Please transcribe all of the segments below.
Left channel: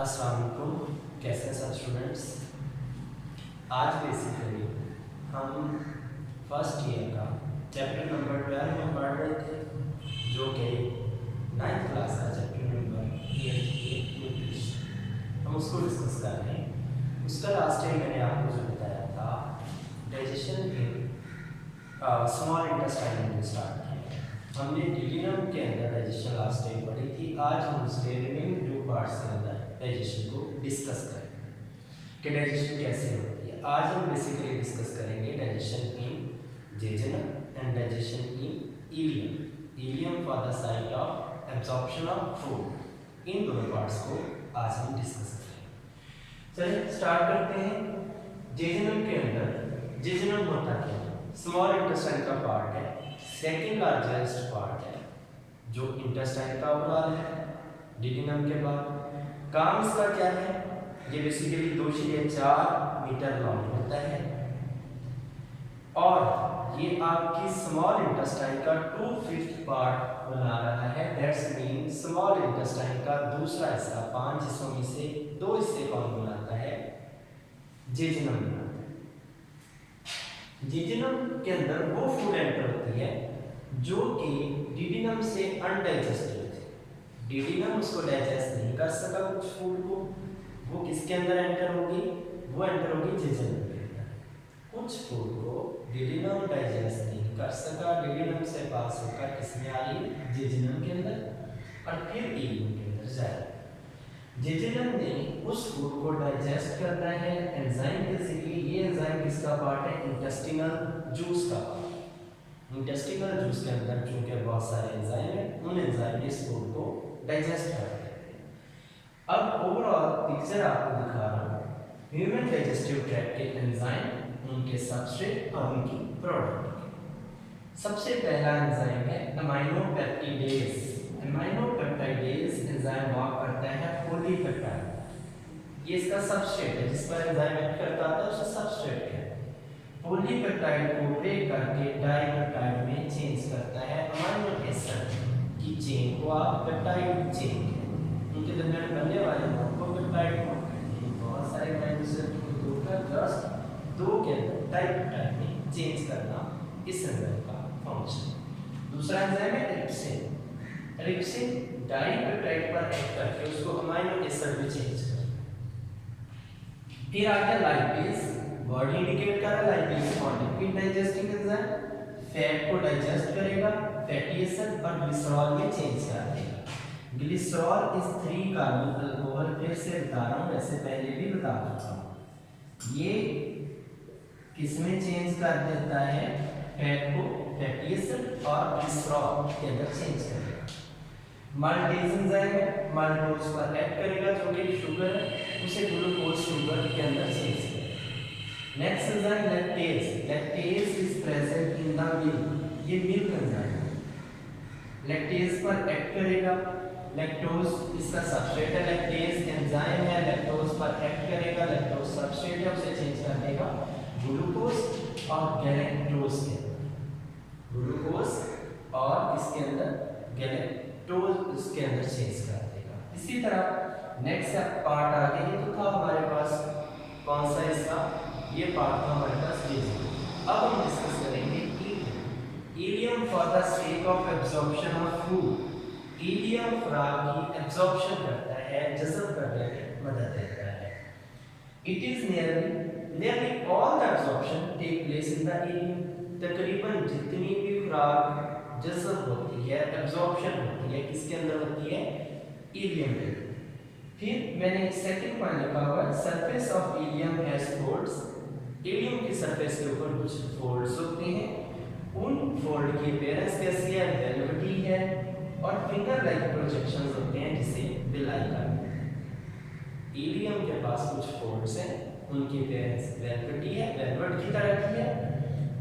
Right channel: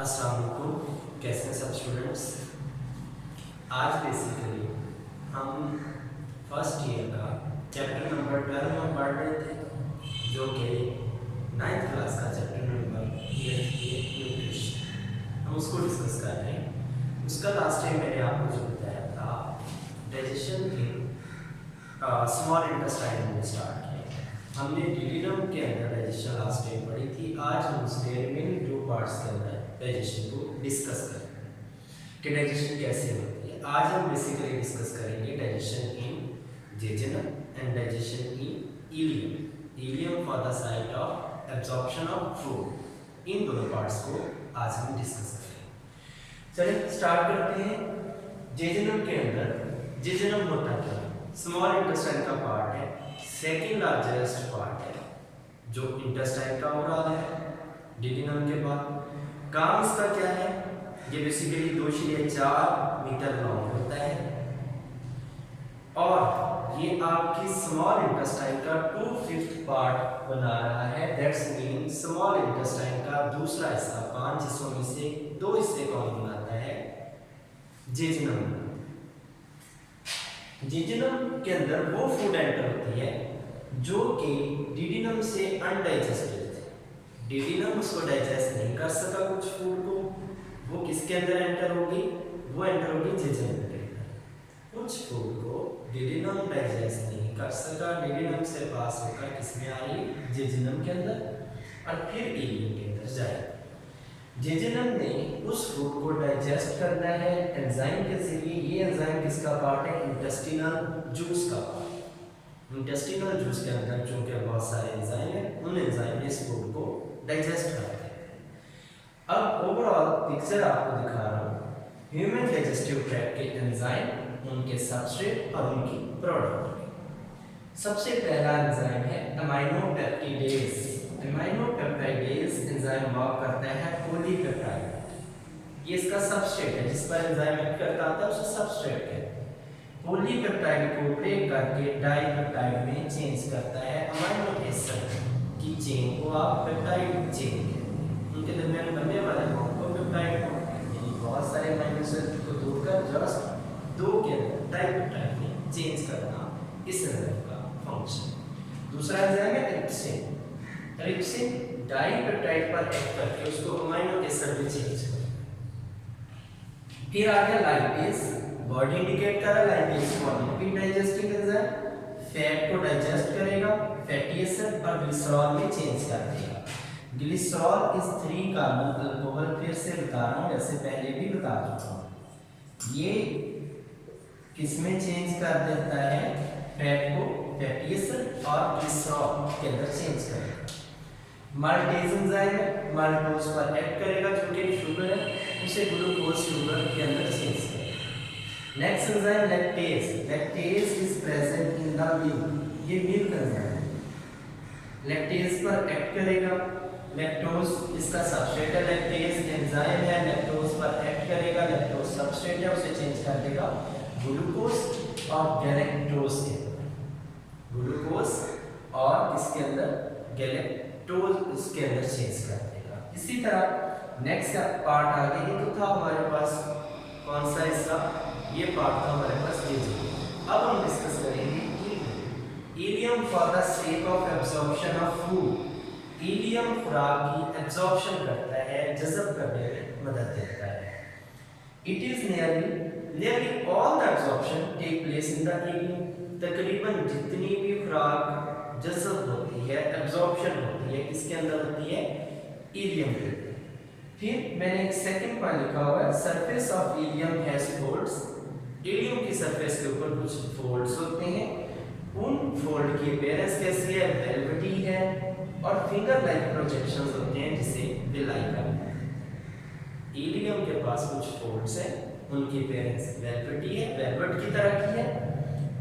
अस्सलाम वालेकुम। कैसे हैं सब स्टूडेंट्स। आज बेसिकली हम फर्स्ट ईयर का चैप्टर नंबर 12 में पढ़ रहे थे, जो कि 9th क्लास का चैप्टर नंबर न्यूट्रिशन। हम उसको डिस्कस कर रहे हैं। उसका लास्ट टाइम मैंने आपको जो बताया था, डाइजेशन के स्मॉल इंटेस्टाइन में स्टार्ट किया। हमने डिलिनम के अंदर डाइजेशन लास्ट टाइम पढ़ी थी। आज हम उसके रिमेनिंग 2 पार्ट्स के अंदर डाइजेशन को डिस्कस करेंगे कि डाइजेशन कैसे होती है। आज हम बेसिकली डिस्कस करेंगे digestion in jejunum and digestion in ileum. Ileum for the site of absorption of food. इन दोनों पार्ट्स को आज हम डिस्कस करेंगे। चलिए स्टार्ट करते हैं। जेजनम के अंदर जेजनम होता क्या है? स्मॉल इंटेस्टाइन का पार्ट है, सेकेंड लार्जेस्ट पार्ट है जो इंटेस्टाइन का ओवरऑल है डिलिनम के बाद। काम इसका क्या है? ये बेसिकली 2.4 मीटर लॉन्ग होता है और ये आपकी स्मॉल इंटेस्टाइन का 2/5 पार्ट बना रहा है। दैट्स मीन स्मॉल इंटेस्टाइन का दूसरा हिस्सा 5 हिस्सों में से 2 हिस्से कौन बनाता है? जेजनम बनाता है। जेजनम के अंदर वो फूड एंटर होती है जो कि डिडिनम से अनडाइजेस्टेड है। डिडिनम उसको डाइजेस्ट नहीं कर सका कुछ फूड को, वो किसके अंदर एंटर होगी? वो एंटर होगी जेजनम के अंदर। कुछ फूड को डिडिनम डाइजेस्ट नहीं कर सका, डिडिनम से पास होकर किसमें आ रही? जेजनम के अंदर, और फिर इलियम के अंदर जाए। जेजनम ने उस फूड को डाइजेस्ट करना है एंजाइम के जरिए। ये एंजाइम किसका पार्ट है? इंटेस्टिनल जूस का पार्ट। इंटेस्टिनल जूस के अंदर चूंकि बहुत सारे एंजाइम हैं, उन एंजाइम ने इस फूड को डाइजेस्ट कर देते हैं। अब ओवरऑल पिक्चर आपको दिखा रहा हूँ। ह्यूमन डाइजेस्टिव ट्रैक्ट के एंजाइम, उनके सबस्ट्रेट और उनकी प्रोडक्ट। सबसे पहला एंजाइम है अमाइनोपेप्टिडेज। अमाइनोपेप्टिडेज एंजाइम वर्क करता है पॉलीपेप्टाइड। ये इसका सबस्ट्रेट है जिस पर एंजाइम एक्ट करता है, उसे सबस्ट्रेट कहते हैं। पॉलीपेप्टाइड को ब्रेक करके डाइपेप्टाइड में चेंज करता है। अमाइनो एसिड की चेन को आप पेप्टाइड चेन कहते हैं। उनके दरमियान बनने वाले बॉन्ड को पेप्टाइड बॉन्ड कहते हैं। बहुत सारे अमाइनो एसिड को जोड़कर जस्ट 2 के अंदर डाइपेप्टाइड में चेंज करना इस एंजाइम का फंक्शन। दूसरा एंजाइम है ट्रिप्सिन। ट्रिप्सिन डाइपेप्टाइड पर एक्ट करके उसको अमाइनो एसिड में चेंज करता है। फिर आ गया लाइपेज। वर्ड इंडिकेट कर रहा है lipase lipid digesting enzyme. Fat को डाइजेस्ट करेगा, फैटी एसिड और ग्लिसरॉल में चेंज कर देगा। Glycerol is 3 carbon alcohol. फिर से बता रहा हूँ, जैसे पहले भी बता चुका हूँ। ये किसमें चेंज कर देता है? फैट को फैटी एसिड और ग्लिसरॉल के अंदर चेंज करेगा। माल्टेज एंजाइम है, माल्टोज पर एक्ट करेगा, जो कि शुगर है, उसे ग्लूकोज शुगर के अंदर चेंज करेगा। Next enzyme lactase. Lactase is present in the milk. ये मिल्क एंजाइम लैक्टेज पर एक्ट करेगा। लैक्टोज इसका सबस्ट्रेट है, लैक्टेज एंजाइम है, लैक्टोज पर एक्ट करेगा। लैक्टोज सबस्ट्रेट है, उसे चेंज कर देगा ग्लूकोज और गैलेक्टोज के अंदर। ग्लूकोज और इसके अंदर गैलेक्टोज इसके अंदर चेंज कर देगा। इसी तरह नेक्स्ट पार्ट आगे ही तो था हमारे पास, कौन सा हिस्सा? ये पार्ट था हमारे पास जेजनम। अब हम डिस्कस करेंगे ileum. Ileum for the sake of absorption of food. Ileum खुराक की एब्जॉर्प्शन करता है, जज़ब करने में मदद देता है। It is nearly all the absorption take place in the ileum. तकरीबन जितनी भी खुराक जज़ब होती है, एब्जॉर्प्शन होती है, किसके अंदर होती है? इलियम के अंदर। फिर मैंने एक सेकंड पॉइंट लिखा हुआ है, surface of ileum has folds. Ileum की सरफेस के ऊपर कुछ फोल्ड्स होते हैं। उन फोल्ड की अपीयरेंस कैसी है? वेलवेटी है और फिंगर लाइक प्रोजेक्शंस होते हैं, जिसे विलाई कहते हैं। इलियम के पास कुछ फोल्ड्स हैं, उनकी अपीयरेंस वेलवेटी है, वेलवेट की तरह की है,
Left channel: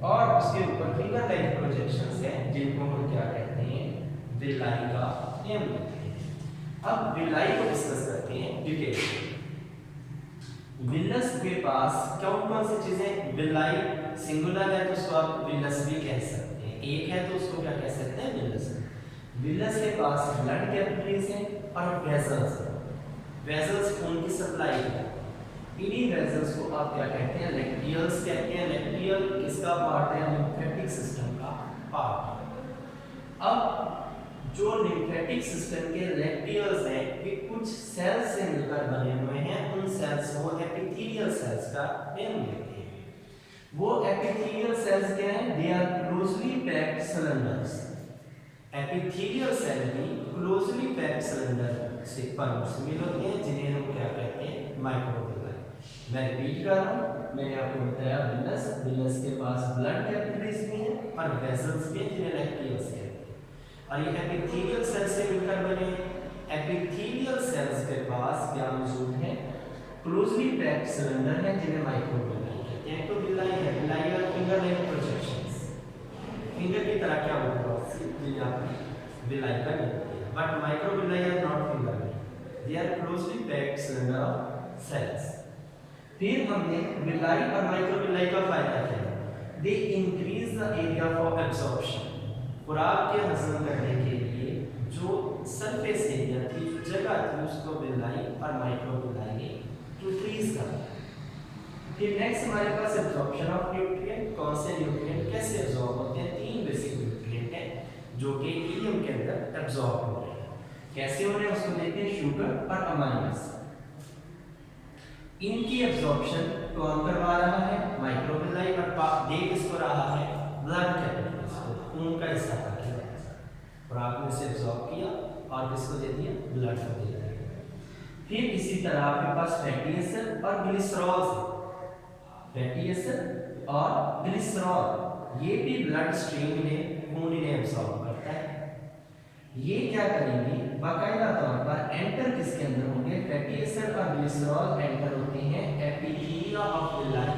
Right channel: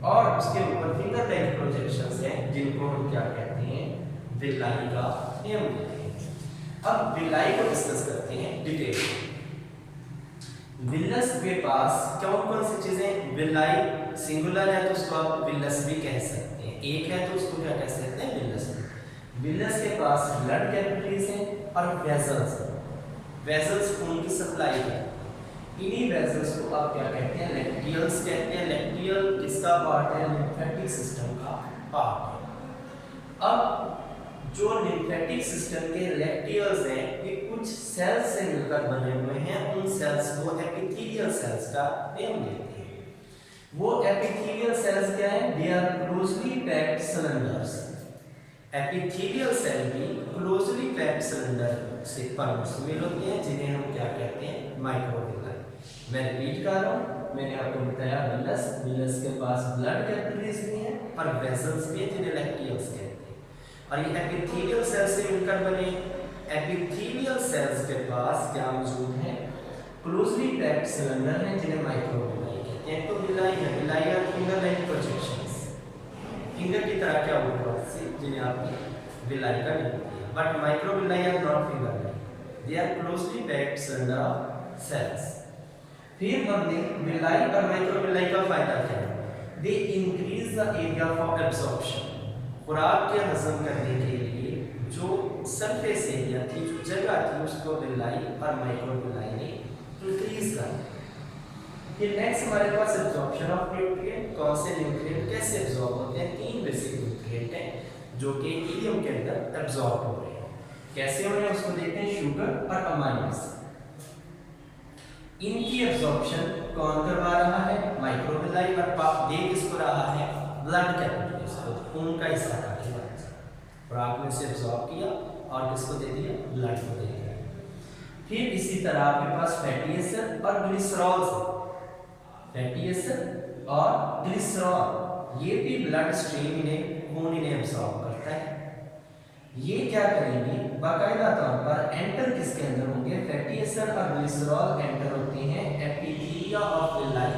और उसके ऊपर फिंगर लाइक प्रोजेक्शंस हैं, जिनको हम क्या कहते हैं? विलाई का नियम कहते हैं। अब विलाई को डिस्कस करते हैं डिटेल में। विलस के पास कौन कौन सी चीजें? विलाई सिंगुलर है तो उसको आप विलस भी कह सकते हैं, एक है तो उसको क्या कह सकते हैं? विलस। विलस के पास ब्लड कैपिलरीज हैं और वेसल्स हैं। वेजल्स खून की सप्लाई करते हैं। इन्हीं वेजल्स को आप क्या कहते हैं, लैक्टियल्स कहते हैं। लैक्टियल किसका पार्ट है, लिम्फेटिक सिस्टम का पार्ट है। अब जो लिम्फेटिक सिस्टम के लैक्टियल्स हैं ये कुछ सेल्स से मिलकर बने हुए हैं, उन सेल्स को एपिथेलियल सेल्स का नाम देते हैं। वो एपिथेलियल सेल्स क्या हैं, they are closely packed cylinders. Epithelial cell भी क्लोजली पैक्ड सिलेंडर से मिल होते हैं, जिन्हें हम क्या कहते हैं, माइक्रोविलाई। मैं रिपीट कर रहा हूँ, मैंने आपको बताया विलस के पास ब्लड कैपिलरीज भी हैं और वेसल्स भी हैं, जिन्हें लैक्टियल्स कहते हैं। और ये एपिथेलियल सेल से मिलकर बने। एपिथेलियल सेल्स के पास क्या मौजूद है, क्लोजली पैक्ड सिलेंडर हैं, जिन्हें माइक्रोविलाई कहते हैं। तो विलाई है, विलाई और फिंगर लाइक प्रोजेक्शंस, फिंगर की तरह क्या होगी से, जिन्हें आपने विलाई का नाम दिया। But microvilli are not finger like, they are closely packed cylinder of cells. फिर हमने विलाई और माइक्रोविलाई का फायदा क्या है, they increase the area for absorption. खुराक के हजम करने के लिए जो सरफेस एरिया थी, जो जगह थी, उसको विलाई और माइक्रोविलाई ने इंक्रीज कर दिया। फिर नेक्स्ट हमारे पास एब्जॉर्प्शन ऑफ न्यूट्रिएंट। कौन से न्यूट्रिएंट कैसे एब्जॉर्ब होते हैं, तीन बेसिक न्यूट्रिएंट हैं जो कि इलियम के अंदर एब्जॉर्ब हो रहे हैं। कैसे हो रहे हैं उसको देखते हैं, शुगर और अमाइनो एसिड। इनकी एब्जॉर्प्शन कौन करवा रहा है, माइक्रोविलाई, और दे किसको रहा है, ब्लड कैपिलरीज को, खून का हिस्सा था के बाद, और आपने इसे एब्जॉर्ब किया और किसको दे दिया, ब्लड को दे दिया। फिर इसी तरह आपके पास फैटी एसिड और ग्लिसरॉल, फैटी एसिड और ग्लिसरॉल, ये भी ब्लड स्ट्रीम इन्हें, खून इन्हें एब्जॉर्ब करता है। ये क्या करेंगे, बाकायदा तौर पर एंटर किसके अंदर होंगे, फैटी एसिड और ग्लिसरॉल एंटर होते हैं एपिथेलिया ऑफ विलाई।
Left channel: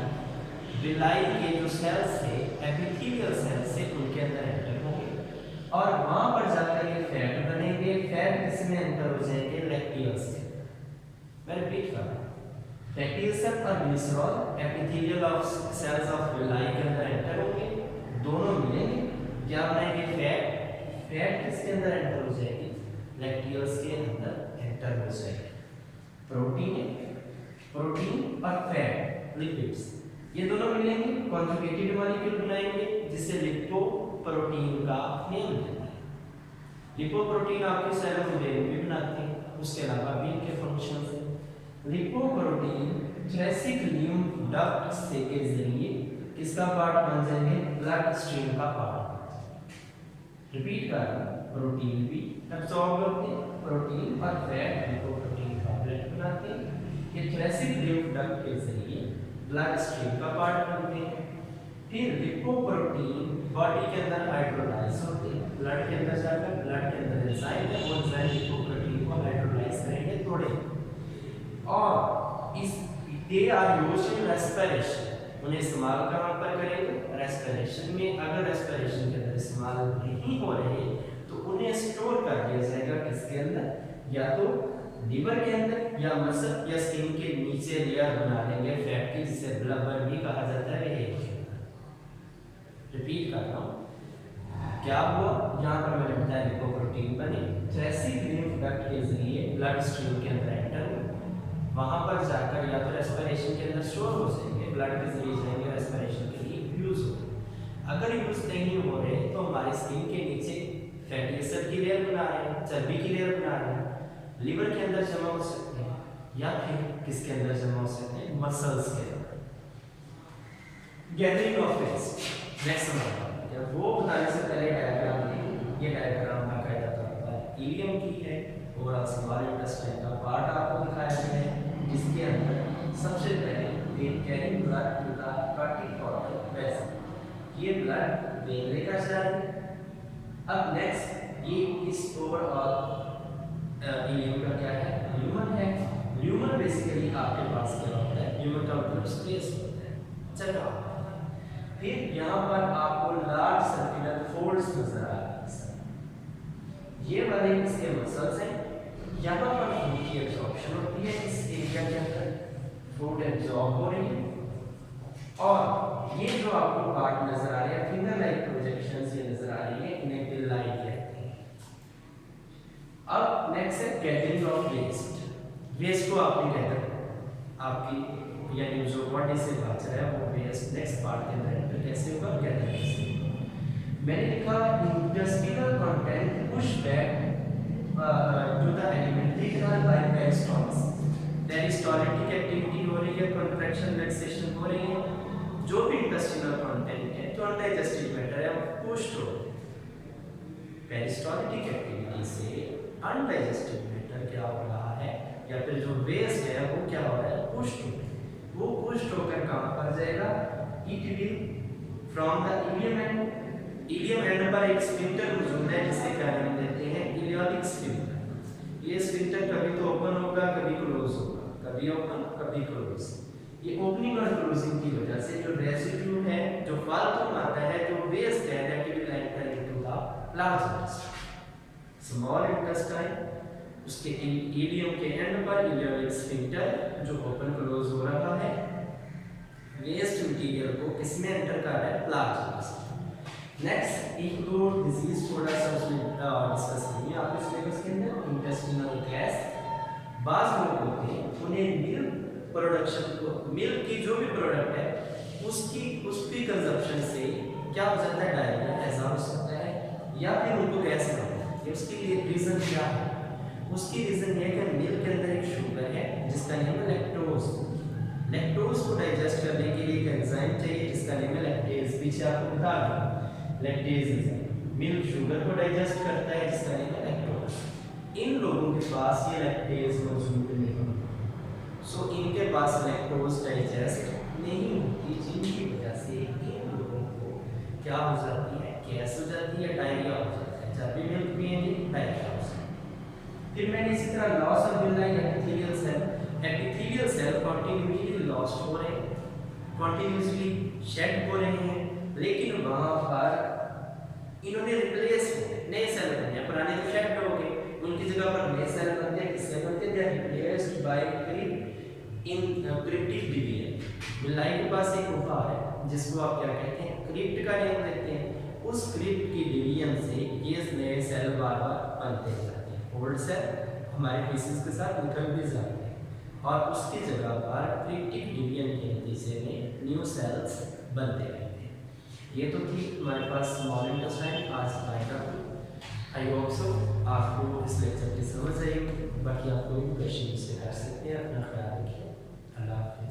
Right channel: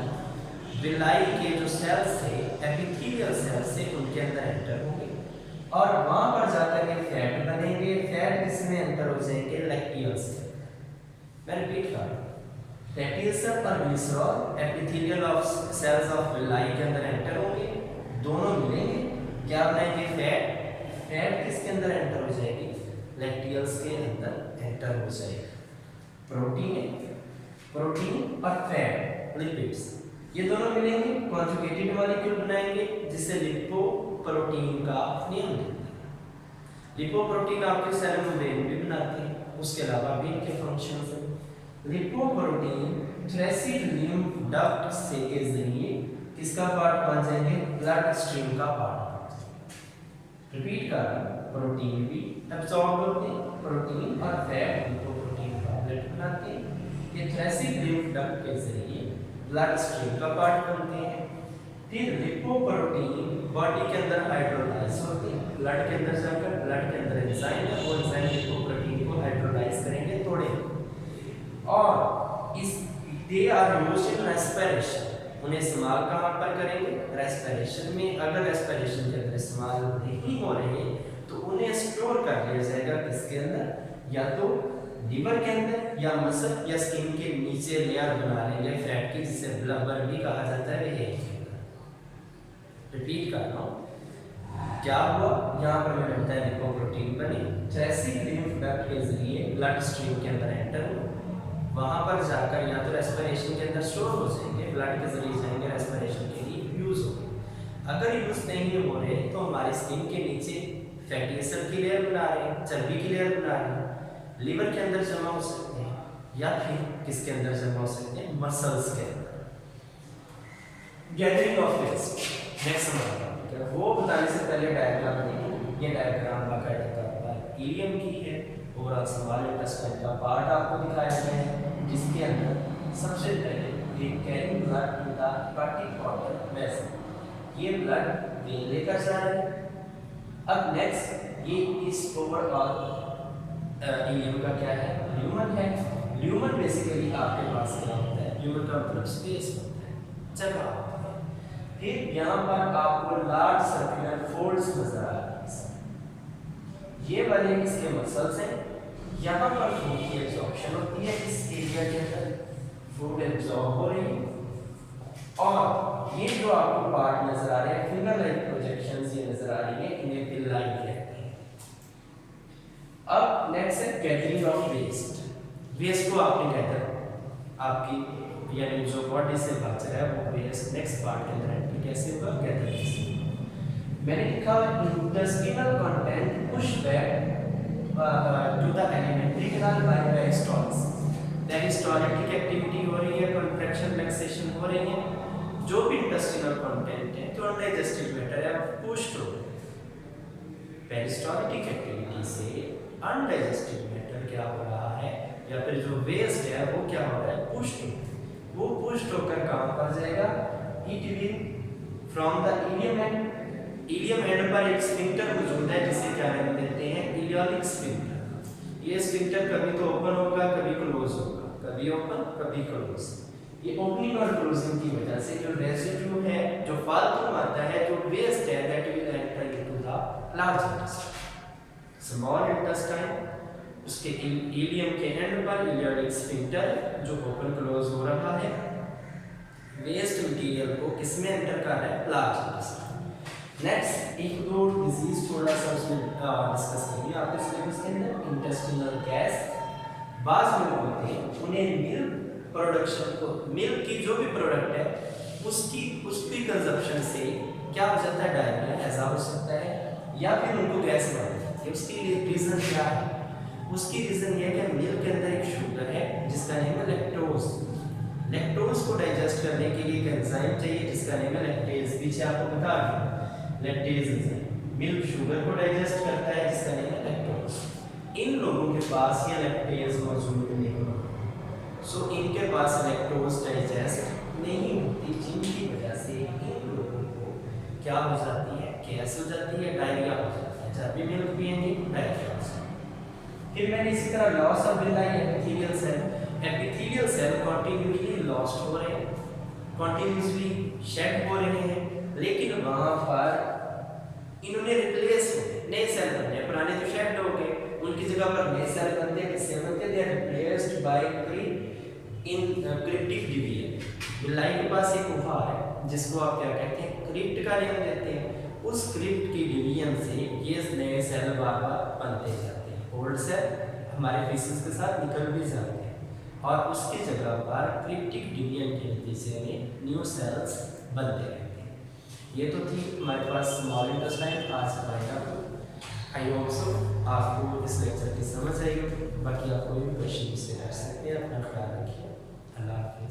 विलाई के जो सेल्स है, एपिथेलियल सेल्स से, उनके अंदर एंटर होंगे और वहां पर जाकर ये फैट बनेंगे। फैट किसमें एंटर हो जाएंगे, लैक्टियल्स के। मैं रिपीट कर रहा हूं, फैटी एसिड और glycerol epithelial of cells of villi के अंदर एंटर होंगे, दोनों मिलेंगे, क्या बनाएंगे, फैट। फैट किसके अंदर एंटर हो जाएगी, लैक्टियल्स के अंदर एंटर हो जाएगी। प्रोटीन और फैट, लिपिड्स, ये दोनों मिलेंगे, कॉन्जुगेटेड मॉलिक्यूल बनाएंगे, जिसे लिपोप्रोटीन का नाम देते हैं। लिपोप्रोटीन आपके सेल मेम्ब्रेन भी बनाते हैं, उसके अलावा भी इनके फंक्शंस हैं। लिपोप्रोटीन थ्रेसिक लिम्फ डक्ट से के जरिए किसका पार्ट बन जाएंगे, ब्लड स्ट्रीम का पार्ट। रिपीट कर रहा हूं, प्रोटीन भी एब्जॉर्ब होते हैं, प्रोटीन और फैट लिपोप्रोटीन का ब्लड बनाते हैं। ये थ्रेसिक लिम्फ डक्ट के जरिए ब्लड स्ट्रीम का पार्ट बनते हैं। फिर लिपोप्रोटीन बॉडी के अंदर हाइड्रोलाइज होते हैं, ब्लड के अंदर जाकर, ब्लड के अंदर एंजाइम है, वो एंजाइम लिपोप्रोटीन को हाइड्रोलाइज करेंगे, तोड़ेंगे। और इस they are used in respiration, उन्हें इस्तेमाल कहाँ पर करेंगे, रेस्पिरेशन में। अगर रेस्पिरेशन के अंदर इस्तेमाल नहीं हो रहे तो उन्हें स्टोर कर दिया जाएगा किसके अंदर, या तो लीवर के अंदर, या मसल या स्किन के नीचे लेयर बना लेंगे फैट की, जिसे ब्लबर भी कहा जाता है। रिपीट कर रहा हूँ, क्या हुआ, यहाँ पर मैंने बताया लिपोप्रोटीन बने, थ्रेसिक लिम्फ डक्ट के जरिए ब्लड स्ट्रीम के अंदर एंटर हो, वहां पर जाकर या तो रेस्पिरेशन के अंदर स्टोर हो जाएंगे, ब्लड के जरिए जाएंगे, रेस्पिरेशन के लिए यूज होंगे। अगर यूज नहीं हो रहे तो हमारी स्किन के नीचे फैटी एसिड की लेयर बना रहे हैं, चर्बी की लेयर बना रहे हैं, लीवर के अंदर जमा हो सकते हैं, या फिर किसके अंदर जमा हो सकते हैं, मसल्स के अंदर। गैदरिंग ऑफ वेस्ट, नेक्स्ट हमारा वो बताने से पहले डायग्राम देखिए। ये डायग्राम बाकायदा तौर पर इलियम की है, ओवरऑल स्मॉल इंटेस्टाइन का पार्ट आपको दिखाया गया है, जिसके अंदर सबसे पहले we carry blood to the hepatic portal vessel, ये ब्लड वेन लेकर जा रहे हैं। अब नेक्स्ट ये इस ओवरऑल इलियम का क्या है, ल्यूमन है। ल्यूमन बेसिकली आपके पास क्या होता है, ल्यूमन का मतलब स्पेस होता है, जगह होता है। फिर यहाँ पर आपको लार्ज सर्कुलर फोल्ड्स नजर आ रहे हैं, ये वाले इसके मसल्स हैं। यहाँ पर फूड की एब्जॉर्प्शन होती है, इस एरिया के अंदर फूड एब्जॉर्ब हो रही है। और ये जो आपको पार्ट नजर आ रहे हैं, फिंगर लाइक प्रोजेक्शंस ये नजर आ रही है, इन्हें विलाई कहते हैं। अब नेक्स्ट है गैदरिंग ऑफ वेस्ट। वेस्ट को आपने गैदर आपकी यानी जो बॉडी से बच रहा है वो वेस्ट नेक्स्ट पार्ट के अंदर एंटर कैसे होगा, गैदर कैसे। मैंने लिखा intestinal content push back to the alimentary canal by peristalsis. Peristaltic activity हो रही है, कॉन्ट्रैक्शन रिलैक्सेशन हो रही है, जो भी इंटेस्टिनल कंटेंट है जो अनडाइजेस्टेड मैटर है वो पुश्ड हो। पेरिस्टॉलिटिक एक्टिविटी से अनडाइजेस्टेड मैटर क्या हो रहा है या फिर जो वेस्ट है वो क्या हो रहा है, पुश्ड हो। वो पुश्ड होकर कहां पर जाएगा, it will from the ilium and पर एक स्फिंक्टर मौजूद है जिसे क्या नाम देते हैं, इलियोलिक स्फिंक्टर। ये स्फिंक्टर कभी तो ओपन होगा कभी क्लोज होगा, कभी ओपन कभी क्लोज। ये ओपनिंग और क्लोजिंग की वजह से जो रेसिड्यू है, जो फालतू मात्रा है, जो वेस्ट है, that will enter into the large intestine. Small intestine उसके इलियम के एंड पर इलियोलिक स्फिंक्टर जो ओपन क्लोज हो रहा है, वेस्ट मटेरियल को किसमें एंटर कर रहा है, लार्ज इंटेस्टाइन। नेक्स्ट एक दो डिजीज थोड़ा सा उसमें डिस्कस करेंगे आपके सिलेबस के अंदर। इंटेस्टिनल गैस, बाज लोग होते हैं उन्हें मिल्क प्रोडक्शन को, मिल्क की जो भी प्रोडक्ट है उसकी कंजप्शन से क्या हो जाता है, डायरिया ऐसा हो सकता है या फिर उनको गैस बन जाती है। उसके लिए रीज़न क्या है, उसकी रीज़न ये है कि मिल्क के अंदर एक शुगर है जिसका नेम है लैक्टोज। लैक्टोज को डाइजेस्ट करने के लिए एक एंजाइम चाहिए जिसका नेम है लैक्टेज। पीछे आपको बता दूं लैक्टेज एंजाइम मिल्क शुगर को डाइजेस्ट करता है जिसका नेम है लैक्टोज। इन लोगों के पास ये लैक्टेज मौजूद नहीं है, सो इनके पास लैक्टोज डाइजेस्ट नहीं होती, जिनकी वजह से इन लोगों को क्या हो जाती है, गैस हो जाती है, डायरिया हो जाता है। जब भी मिल्क पिएंगे डायरिया हो जाता है। फिर मैंने इसी तरह loss of villin epithelial cell, epithelial cell continuously lost हो रहे हैं, कंटिन्यूअसली शेड हो रहे हैं, लेकिन वहां पर इन्होंने रिप्लेस नए सेल बनने हैं, पुराने तो शेड हो गए, उनकी जगह पर नए सेल बनते हैं। किससे बनते हैं, they are replaced by cryptic division. Villi के पास एक गुफा है जिसको आप क्या कहते हैं, क्रिप्ट का नाम देते हैं। उस क्रिप्ट की डिवीजन से ये नए सेल बार बार बनते जाते हैं। ओल्ड सेल हमारे फीसिस के साथ निकल भी जाते हैं और उसकी जगह पर क्रिप्टिक डिवीजन के नतीजे में न्यू सेल्स बनते रहते हैं। ये तो थी हमारे पास स्मॉल इंटेस्टाइन। आज का आई होप सो आपको इस लेक्चर की समझ आई होगी। बाकी आप कोई भी क्वेश्चन मुझसे कर सकते हैं। अपना ख्याल रखिए। अल्लाह हाफिज़।